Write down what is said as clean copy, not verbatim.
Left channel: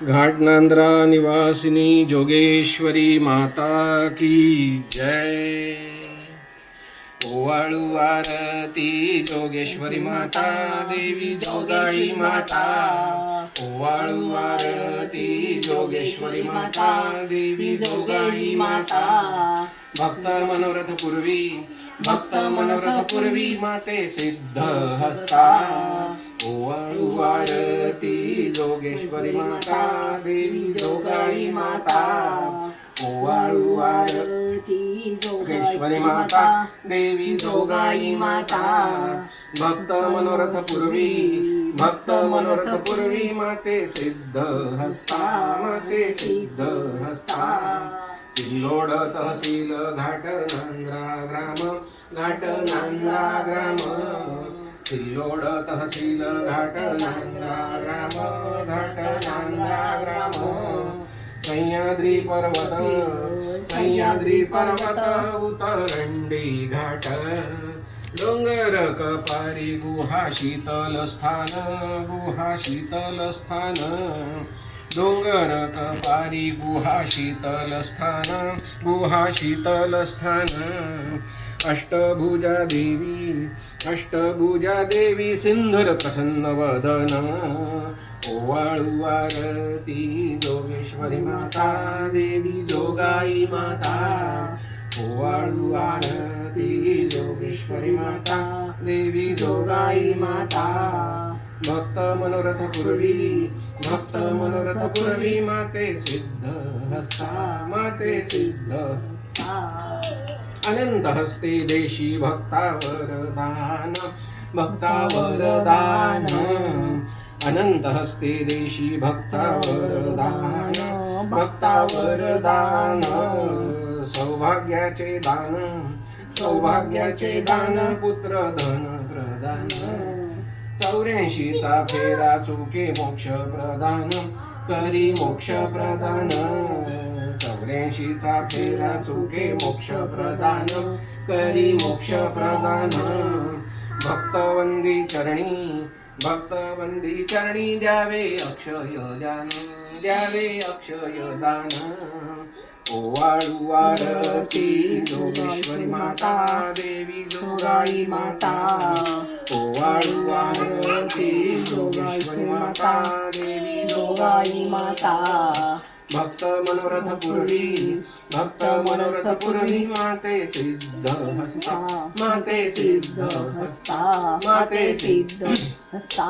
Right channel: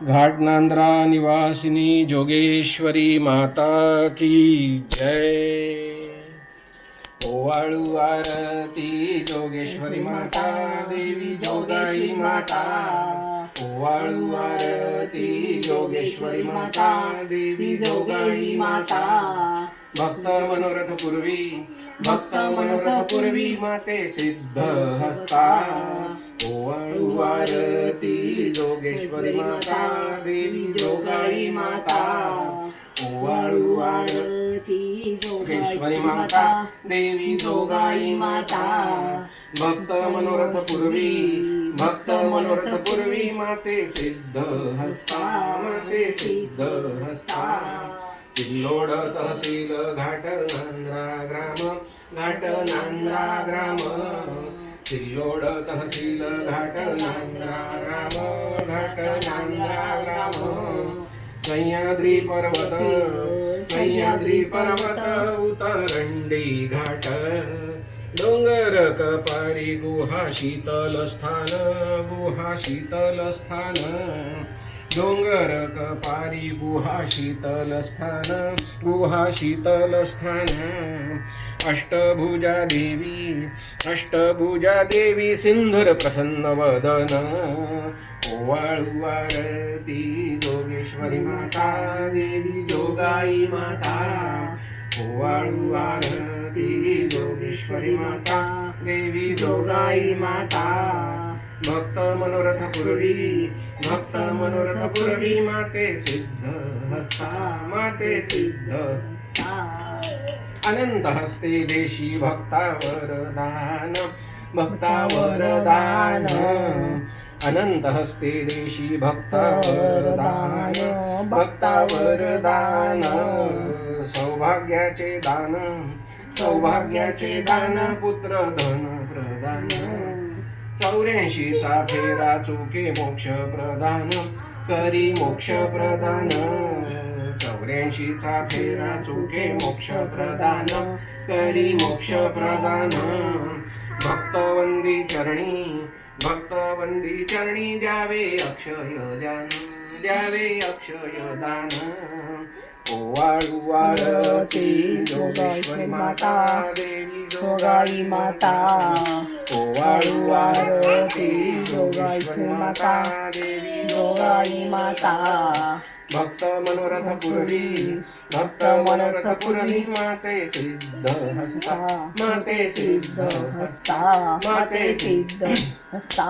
घाटनांद्रा निवासिनी जोगेश्वरी माता की जय। ओवाळू आरती जोगेश्वरी माता देवी जोगाई माता। ओवाळू आरती जोगेश्वरी माता देवी जोगाई माता। भक्त मनोरथ पूर्वी भक्त मनोरथ पूर्वी माते सिद्ध हस्ता। ओवाळू आरती जोगेश्वरी माता देवी जोगाई माता। ओवाळू आरती जोगेश्वरी माता देवी जोगाई माता। भक्त मनोरथ पूर्वी माते सिद्ध हस्ता माते सिद्ध हस्ता। सिल्लोड तहसील घाटनांद्रा ग्राम सिल्लोड तहसील घाटनांद्रा ग्राम। सह्याद्री पर्वत उतरंडी घाट। डोंगर कपारी गुहा शीतल स्थान। डोंगर कपारी गुहा शीतल स्थान। अष्टभुजा देवी सिंधुर प्रसन्न वदन। ओवाळू आरती जोगेश्वरी माता देवी जोगाई माता। ओवाळू आरती जोगेश्वरी माता देवी जोगाई माता। भक्त मनोरथ पूर्वी माते सिद्ध हस्ता माते सिद्ध हस्ता। अनंत हस्ते देशी भक्तावर दान। अनंत हस्ते देशी भक्तावर दान। सौभाग्याचे दान पुत्र धन प्रदान। 84चा फेरा चुके मोक्ष प्रदान करी मोक्ष प्रदान। 84चा फेरा चुके मोक्ष प्रदान करी मोक्ष प्रदान। भक्तवंदी चरणी द्यावे अक्षय दान। ओवाळू आरती जोगेश्वरी माता देवी जोगाई माता। ओवाळू आरती जोगेश्वरी माता देवी जोगाई माता। भक्त मनोरथ पूर्वी माते सिद्ध हस्ता माते सिद्ध हस्ता माते सिद्ध हस्ता।